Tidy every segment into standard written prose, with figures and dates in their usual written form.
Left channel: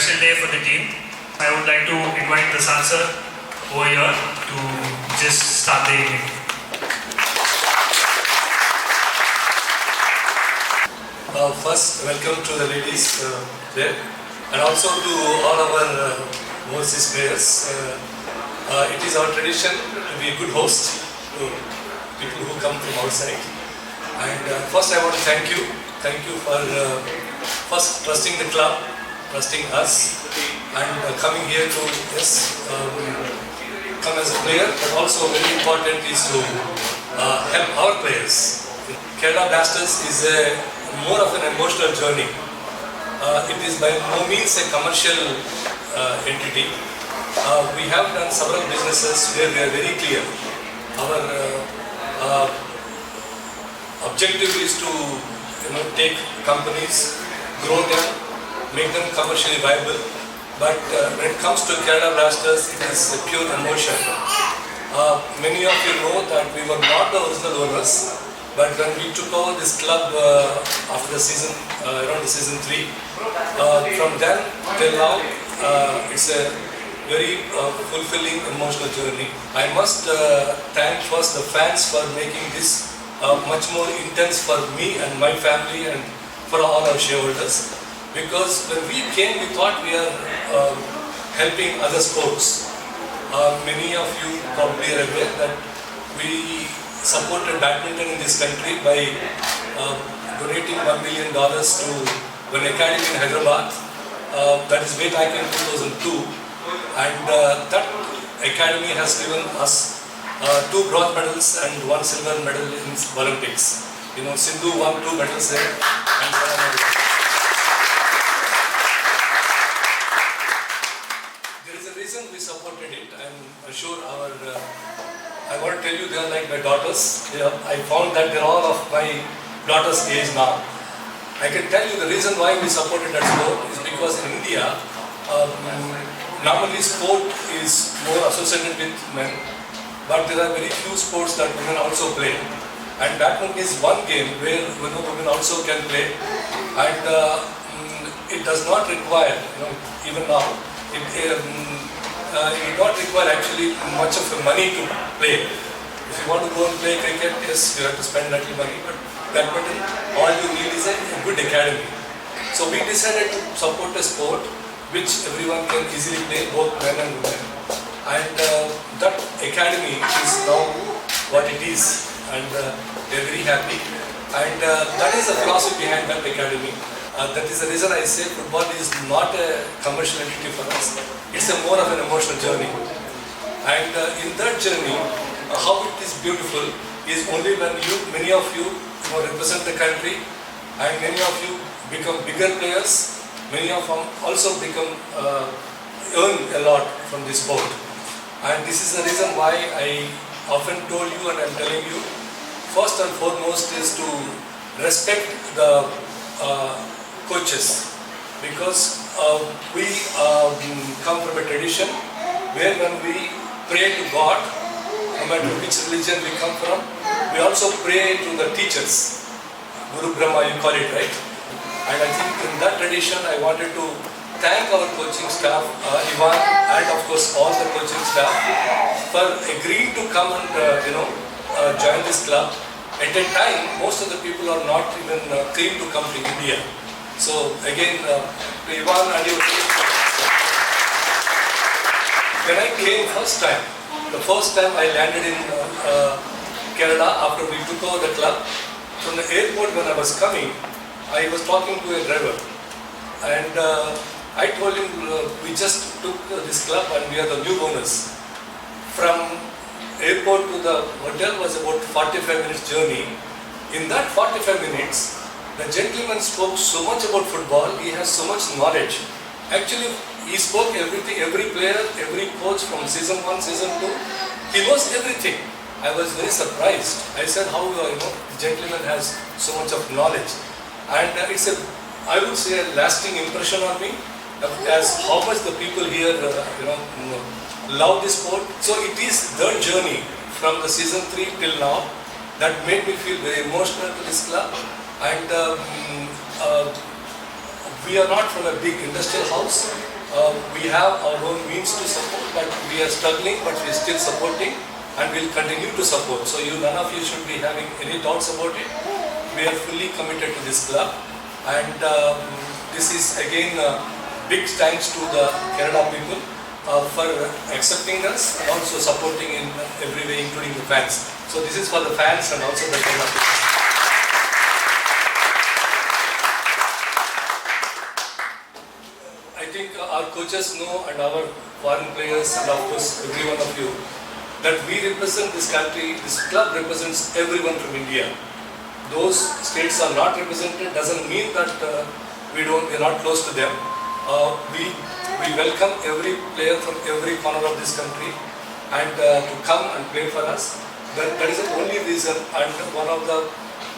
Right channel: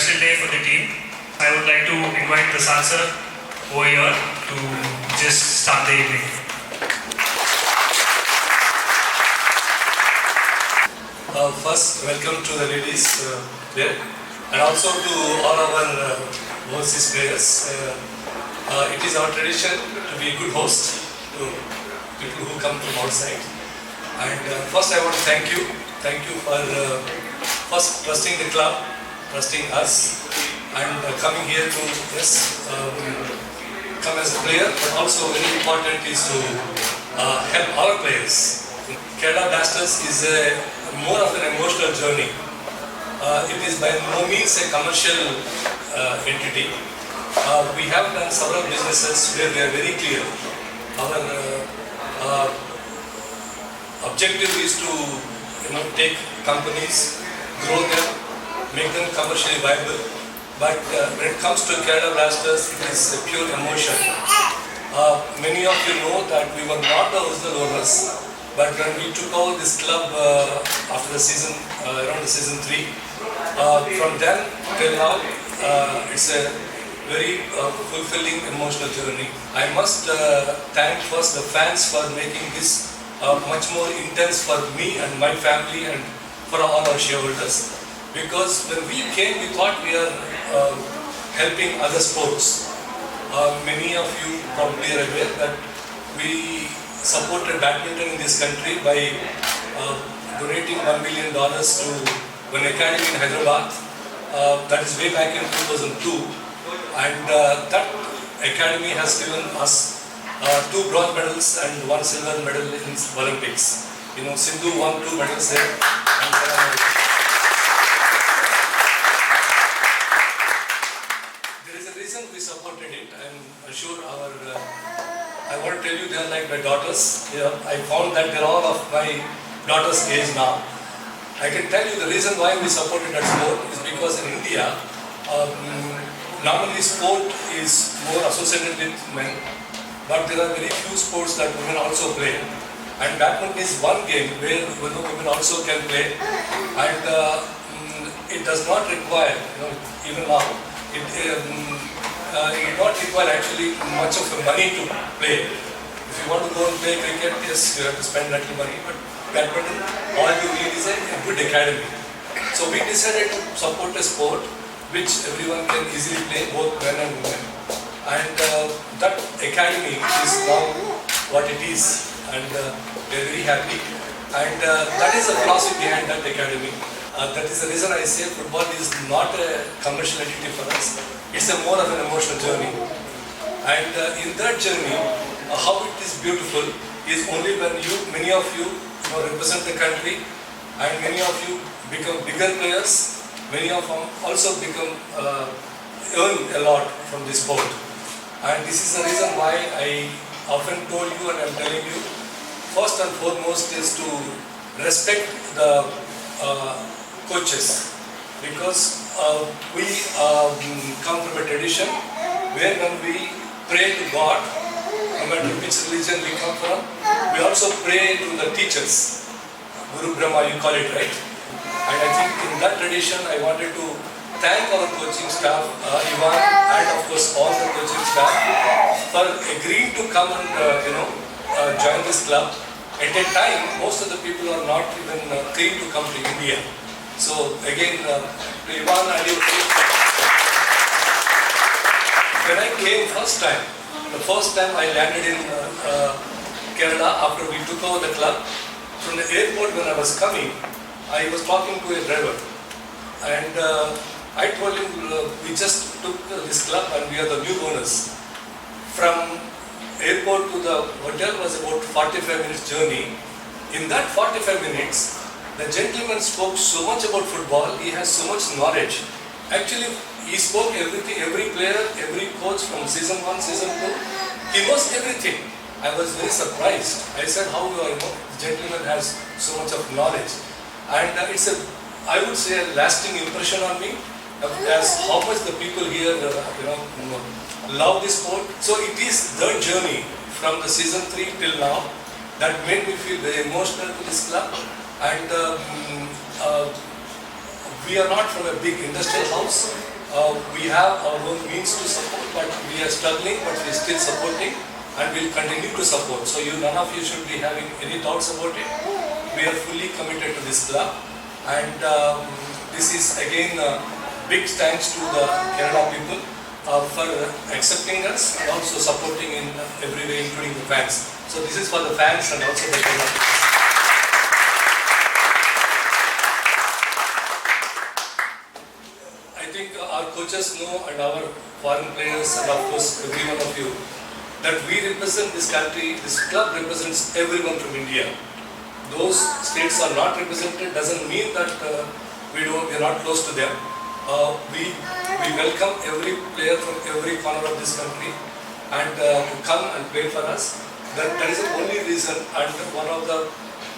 special day for the team. I would like to invite the Sansar over here to just start the evening. First, welcome to the ladies there, and also to all our overseas players. It is our tradition to be a good host to people who come from outside. And first, I want to thank you. Thank you for first trusting the club, trusting us, and coming here to come as a player. But also very important is to help our players. Kerala Blasters is more of an emotional journey. It is by no means a commercial entity. We have done several businesses where they are very clear. Our objective is to take companies, grow them, make them commercially viable. But when it comes to Kerala Blasters, it is a pure emotion. Many of you know that we were not the original owners. But when we took over this club after the season, around the season 3, from then till now, it's a very fulfilling emotional journey. I must thank first the fans for making this much more intense for me and my family and for all our shareholders. Because when we came, we thought we are helping other sports. Many of you probably are aware that we supported badminton in this country by donating $1 million to an academy in Hyderabad. That is way back in 2002. And that academy has given us 2 bronze medals and 1 silver medal in Olympics. Sindhu won 2 medals there. And there is a reason we supported it. I'm sure I want to tell you, they are like my daughters. I found that they're all of my daughter's age now. I can tell you the reason why we supported that sport is because in India, normally sport is more associated with men, but there are very few sports that women also play. And badminton is one game where women also can play, and it does not require, even now, it not require actually much of the money to play. If you want to go and play cricket, yes, you have to spend little money, but badminton, all you need is a good academy. So we decided to support a sport which everyone can easily play, both men and women. And that academy is now what it is, and we are very happy. And that is the philosophy behind that academy. That is the reason I say football is not a commercial entity for us. It's more of an emotional journey. And in that journey, how it is beautiful is only when many of you represent the country, and many of you become bigger players. Many of them also earn a lot from this sport. And this is the reason why I often told you, and I'm telling you, first and foremost is to respect the coaches, because we come from a tradition where when we pray to God, no matter which religion we come from, we also pray to the teachers. Guru Brahma, you call it, right? And I think in that tradition, I wanted to thank our coaching staff, Ivan, and of course all the coaching staff, for agreeing to come and join this club. At a time, most of the people are not even keen to come to India. So again, Ivan and your team. When I came the first time I landed in Kerala after we took over the club, from the airport when I was coming, I was talking to a driver, and I told him, we just took this club and we are the new owners. From airport to the hotel was about 45 minutes journey. In that 45 minutes, the gentleman spoke so much about football, he has so much knowledge. Actually, he spoke everything, every player, every coach from season 1, season 2, he knows everything. I was very surprised. I said, how the gentleman has so much of knowledge. And it's I would say, a lasting impression on me, as how much the people here, love this sport. So it is the journey from the season 3 till now that made me feel very emotional to this club. And we are not from a big industrial house. We have our own means to support, but we are struggling, but we are still supporting and will continue to support. So none of you should be having any doubts about it. We are fully committed to this club, and this is again big thanks to the Kerala people for accepting us and also supporting in every way, including the fans. So this is for the fans and also the Kerala people. I think our coaches know, and our foreign players, and of course every one of you, that we represent this country. This club represents everyone from India. Those states are not represented doesn't mean that we are not close to them. We welcome every player from every corner of this country and to come and play for us. That is the only reason and one of the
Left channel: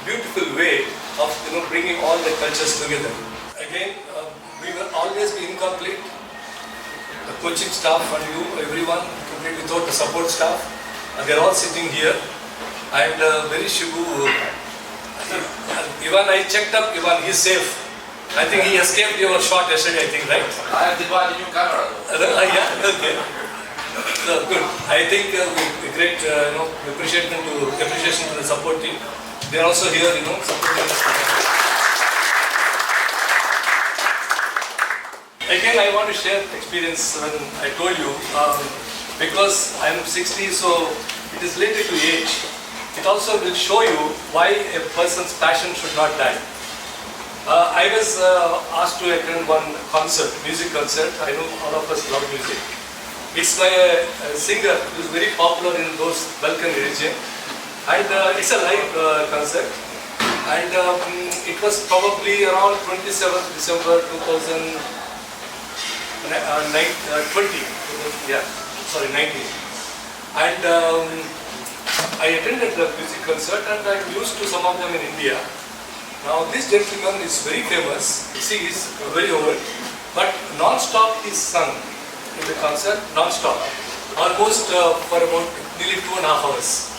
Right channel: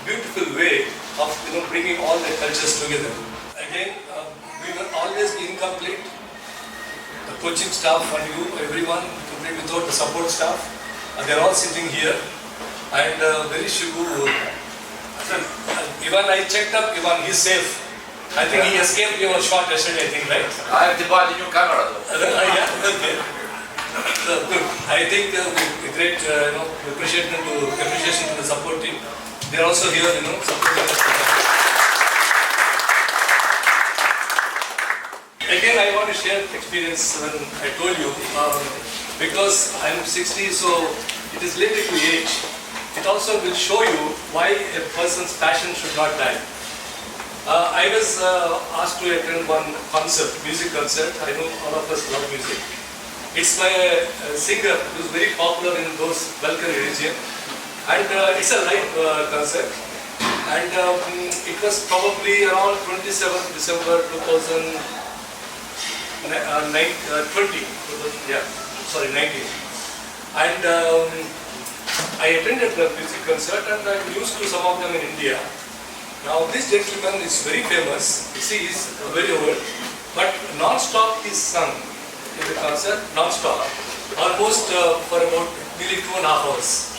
beautiful way of bringing all the cultures together. Again, we will always be incomplete. The coaching staff and you, everyone, complete without the support staff. They're all sitting here. And very Shibu, Ivan, I checked up, Ivan, he's safe. I think he escaped your shot yesterday, I think, right? I have divided your camera. Yeah, okay. So, good. I think great appreciation to the support team. They're also here, supporting us. Again, I want to share experience when I told you, because I'm 60, so it is related to age. It also will show you why a person's passion should not die. I was asked to attend one concert, music concert. I know all of us love music. It's by a singer who is very popular in those Balkan region, and it's a live concert. And it was probably around 27th December 2020. Yeah, sorry, 19. And I attended the music concert, and I'm used to some of them in India. Now this gentleman is very famous. See, he's very old, but non-stop he's sung in the concert, non-stop, almost for about nearly 2.5 hours.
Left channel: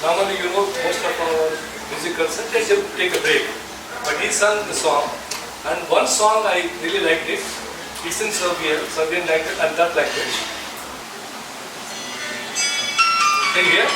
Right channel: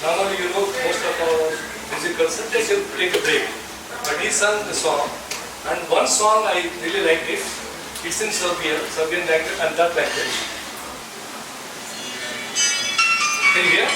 Normally, most of our music concerts they take a break, but he sung the song, and one song I really liked it. It's in Serbian language and that language. Can you hear?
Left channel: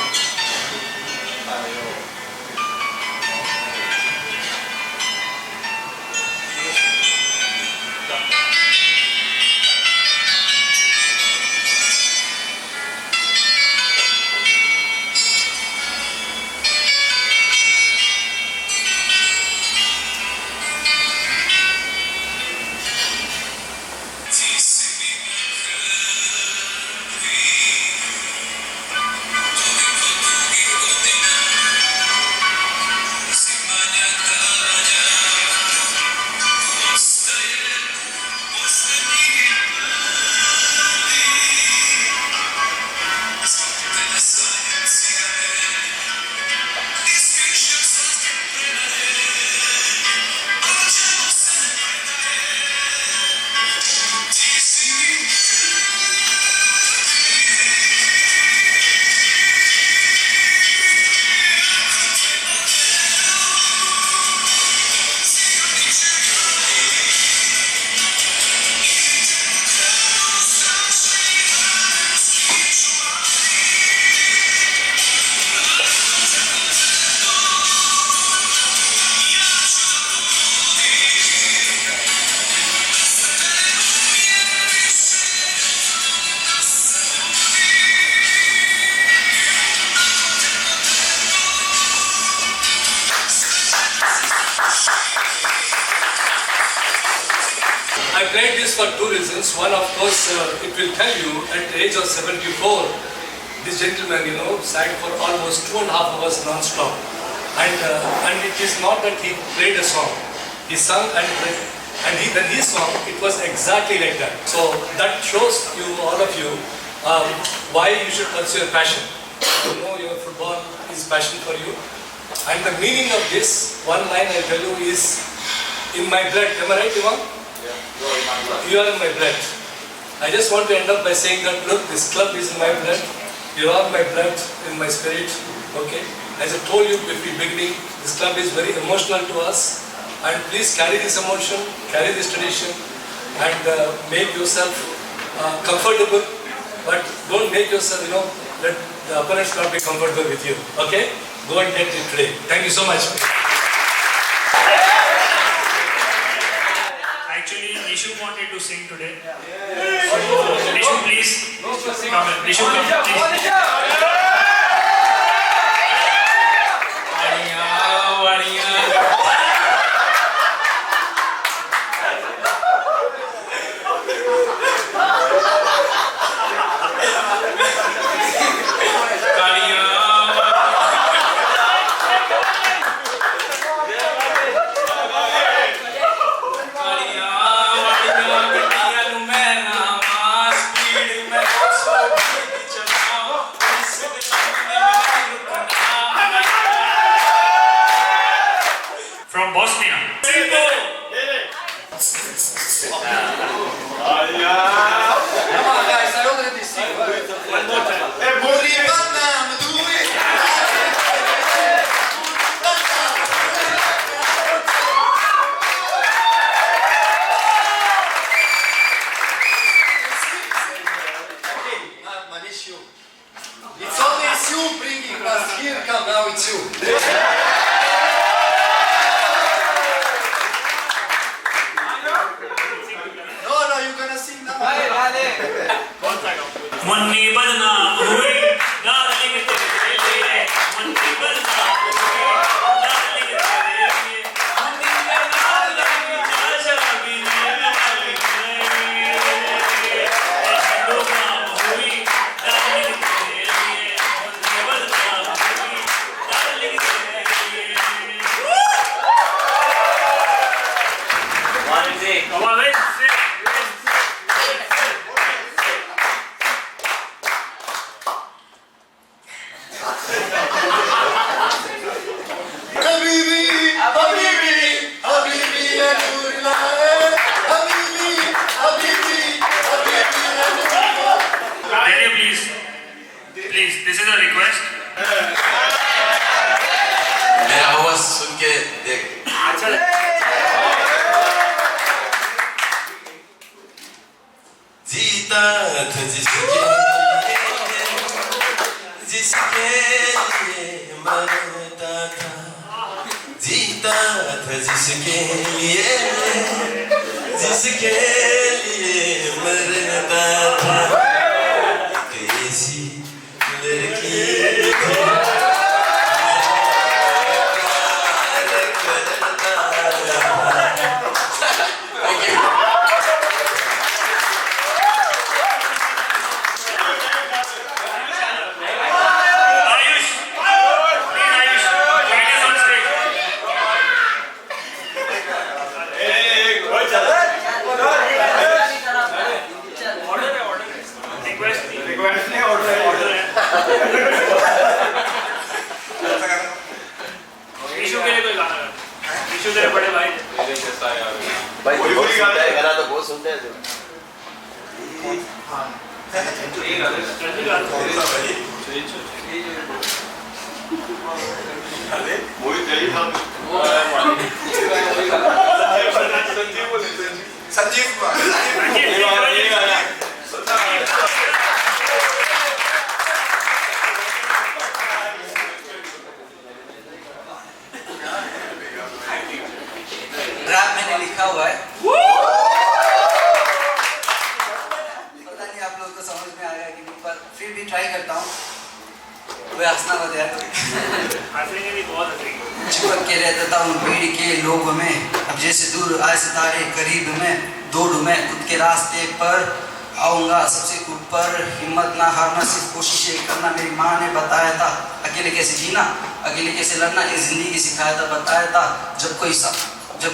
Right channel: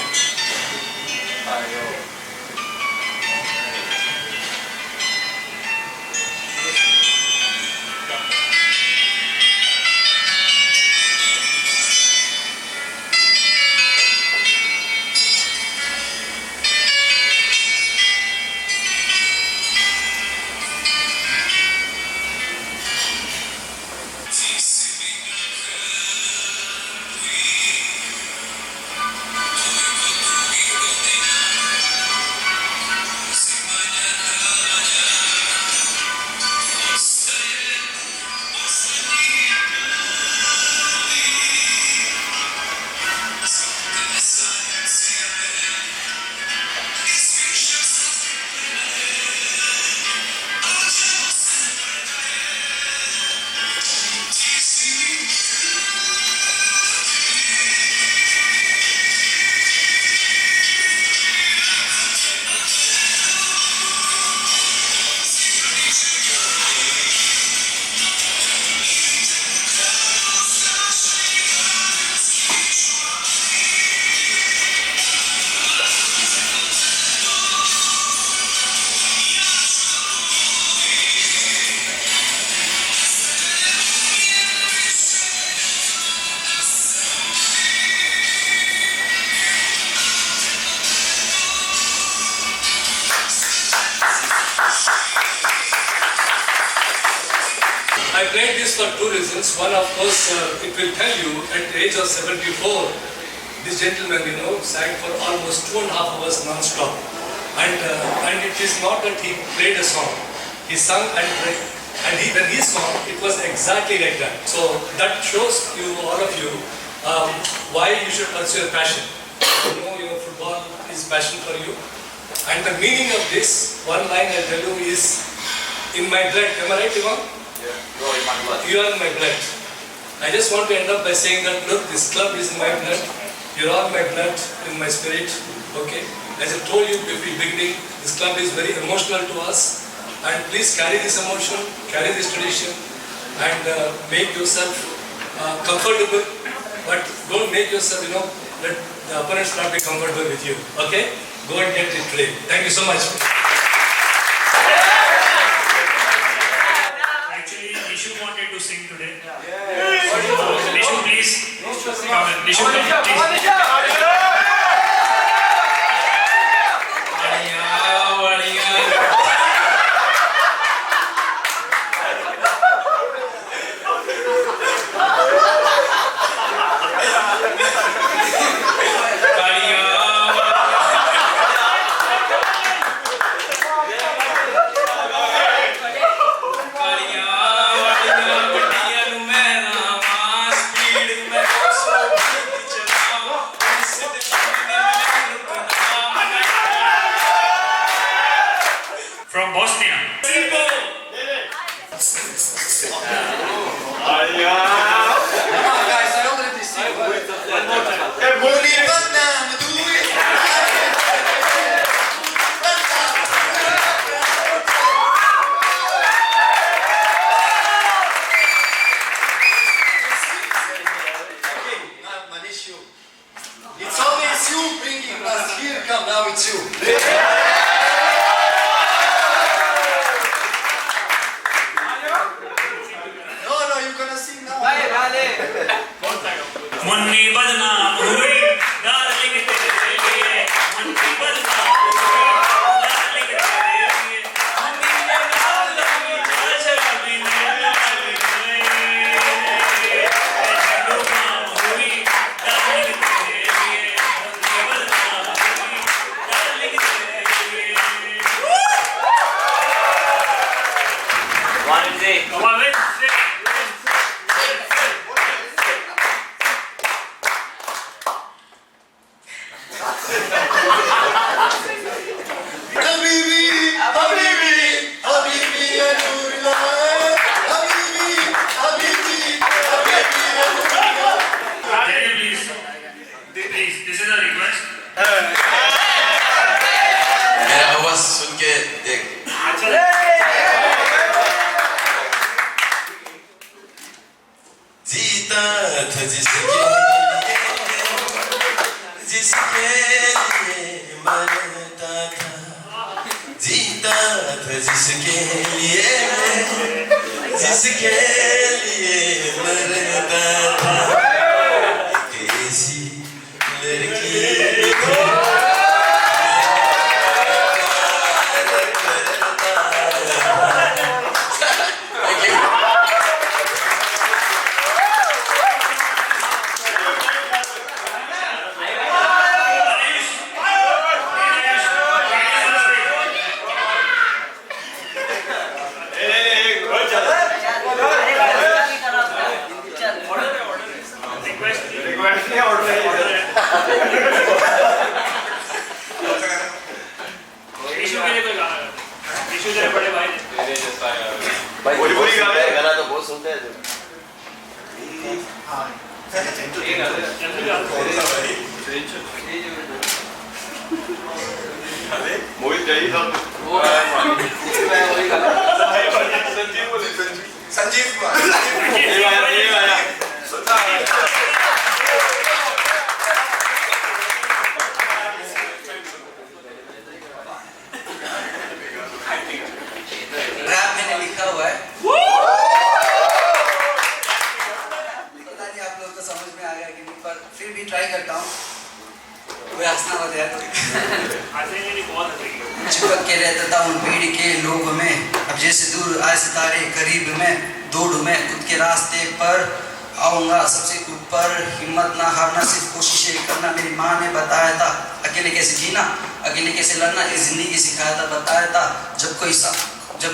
I played this for two reasons. One, of course, it will tell you at the age of 74, this gentleman, sang for almost 2.5 hours non-stop. And it is not that he played a song. He sang and played. And when he sang, it was exactly like that. So that shows you, all of you, why you should pursue your passion. Your football is passion for you. And the meaning of this, one line I'll tell you is, in my blood. Am I right, Ivan? You are in my blood. You are in my blood. I just want to end up by saying that, look, this club is in my blood. You are my blood in my spirit. Okay? As I told you before beginning, this club is very emotional to us. and please carry this emotion, carry this tradition, and make yourself comfortable, but don't make yourself, let the opponents not be comfortable with you. Okay? Go and get it today. Thank you so much. Actually, Nishu wanted to sing today. Nishu, please. Come in. Nishu, come please. From Bosnia. Come on, guys, I already see you. One more time. It's always you bringing us here. Come now, it's you. No, you're gonna sing now. Munni बदनाम हुई darling तेरे लिए मुन्नी बदनाम हुई darling तेरे लिए मुन्नी ये darling शराबी बदनाम हुई डार्लिंग तेरे लिए मुन्नी बदनाम हुई डार्लिंग तेरे लिए One is it. Come on, let's sing. Can you please, this is a request. मेरा आवाज सुन के देख जीता था जिसके लिए मरता था जीता था जिसके लिए मरता था एक ऐसी लड़की बड़े भाई गाना तो बहुत सुनते हैं रैप मैंने लिखा हुआ है। पता नहीं आप लोग को समझ में आया कि नहीं, पर फिर भी ट्राई करता हूँ। वो हंसना मत यार। चिपक के रहता हूँ भीड़ के लोगों में, अब जैसे दूर आए सितारे करीब में, दौड़ूं मैं खुद के रास्ते पर, आऊंगा सबसे ऊपर, हिम्मत ना हारना, सिर्फ कोशिशें करना। मेरी माँ ने बताया था अकेले कैसे जीना, अकेले कैसे लड़ना, ये जिंदगी सिखाया था, बताया था। जब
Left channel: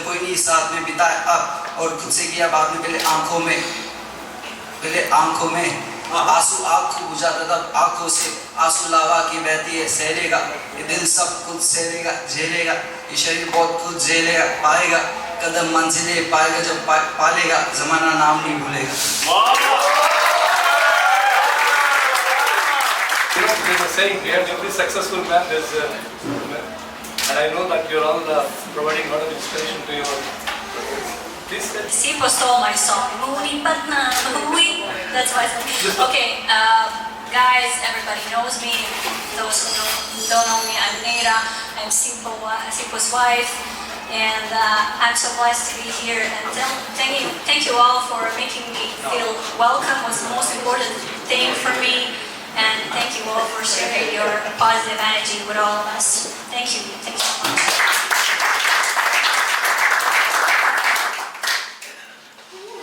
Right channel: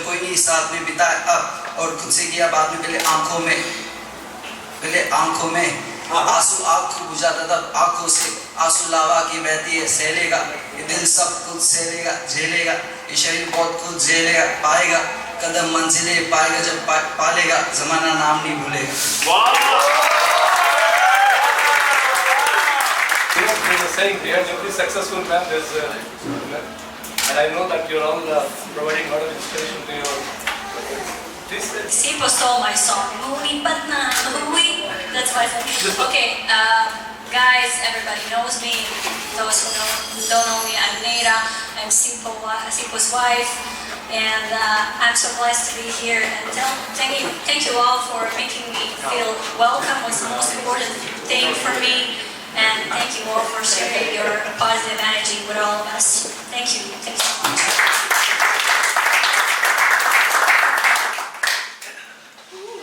कोई नहीं साथ में बिताया अब, और खुद से किया बाद में, पहले आंखों में आंसू आँख बुझाता था, आंखों से आंसू लावा की बहती है, सहलेगा ये दिल सब कुछ सहलेगा, झेलेगा ये शरीर बहुत कुछ झेलेगा, पाएगा कदम मंजिलें पाएगा जब पालेगा, जमाना नाम नहीं भूलेगा। There's a saying, behind every successful man, there's a and I know that you're all providing a lot of inspiration to your. Please say. Sipo stole my song. Moody Patna, Louie. That's why. Okay, guys, everybody knows me. Those who don't know me, I'm Neira. I'm Sipo's wife. And I'm so blessed to be here. And thank you all for making me feel welcome. Was the most important thing for me. And thank you all for sharing your positive energy with all of us. Thank you. Thank you so much.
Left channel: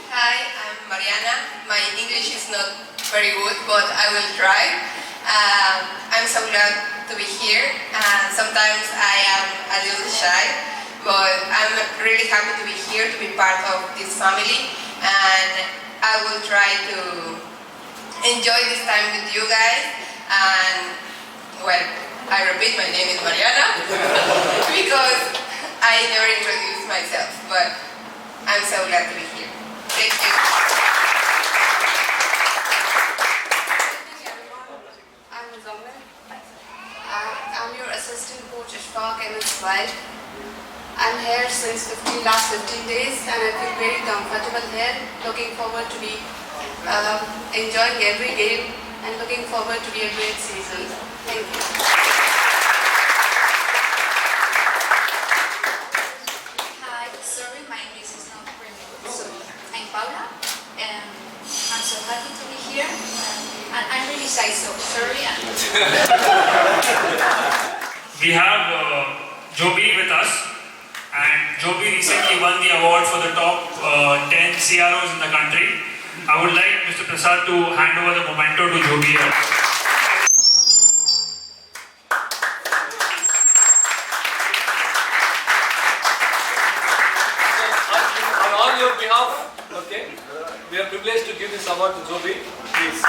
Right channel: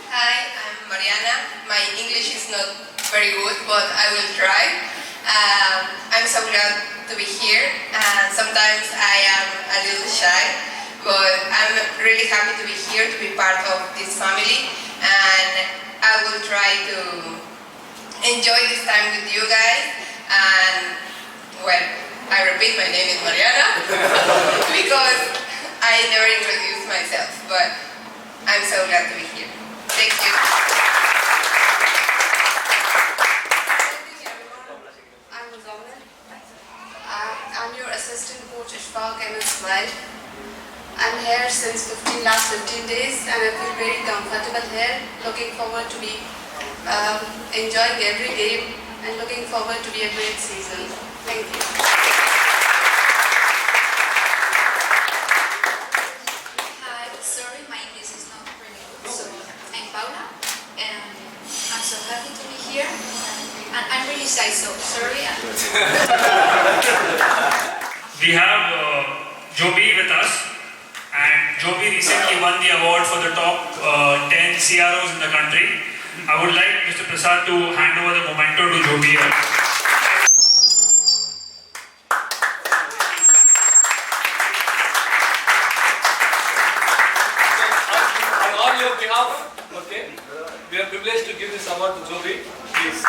Hi, I'm Mariana. My English is not very good, but I will try. I'm so glad to be here. Sometimes I am a little shy. But I'm really happy to be here, to be part of this family, and I will try to enjoy this time with you guys. And well, I repeat, my name is Mariana because I never introduced myself, but I'm so glad to be here. Thank you. I'm Zomel. I'm your assistant coach at Spark MS Slide. I'm here since last 15 days and I feel very comfortable here. Looking forward to be enjoying every game and looking forward to be a great season. Thank you. Hi, sorry, my English is not really good. So, I'm Paula and I'm so happy to be here. And I'm really shy, so sorry. We have Joby with us. And Joby recently won the award for the top 10 CROs in the country. I would like Mr. Prasad to hand over the memento to Joby. On your behalf, okay, we are privileged to give this award to Joby. Please.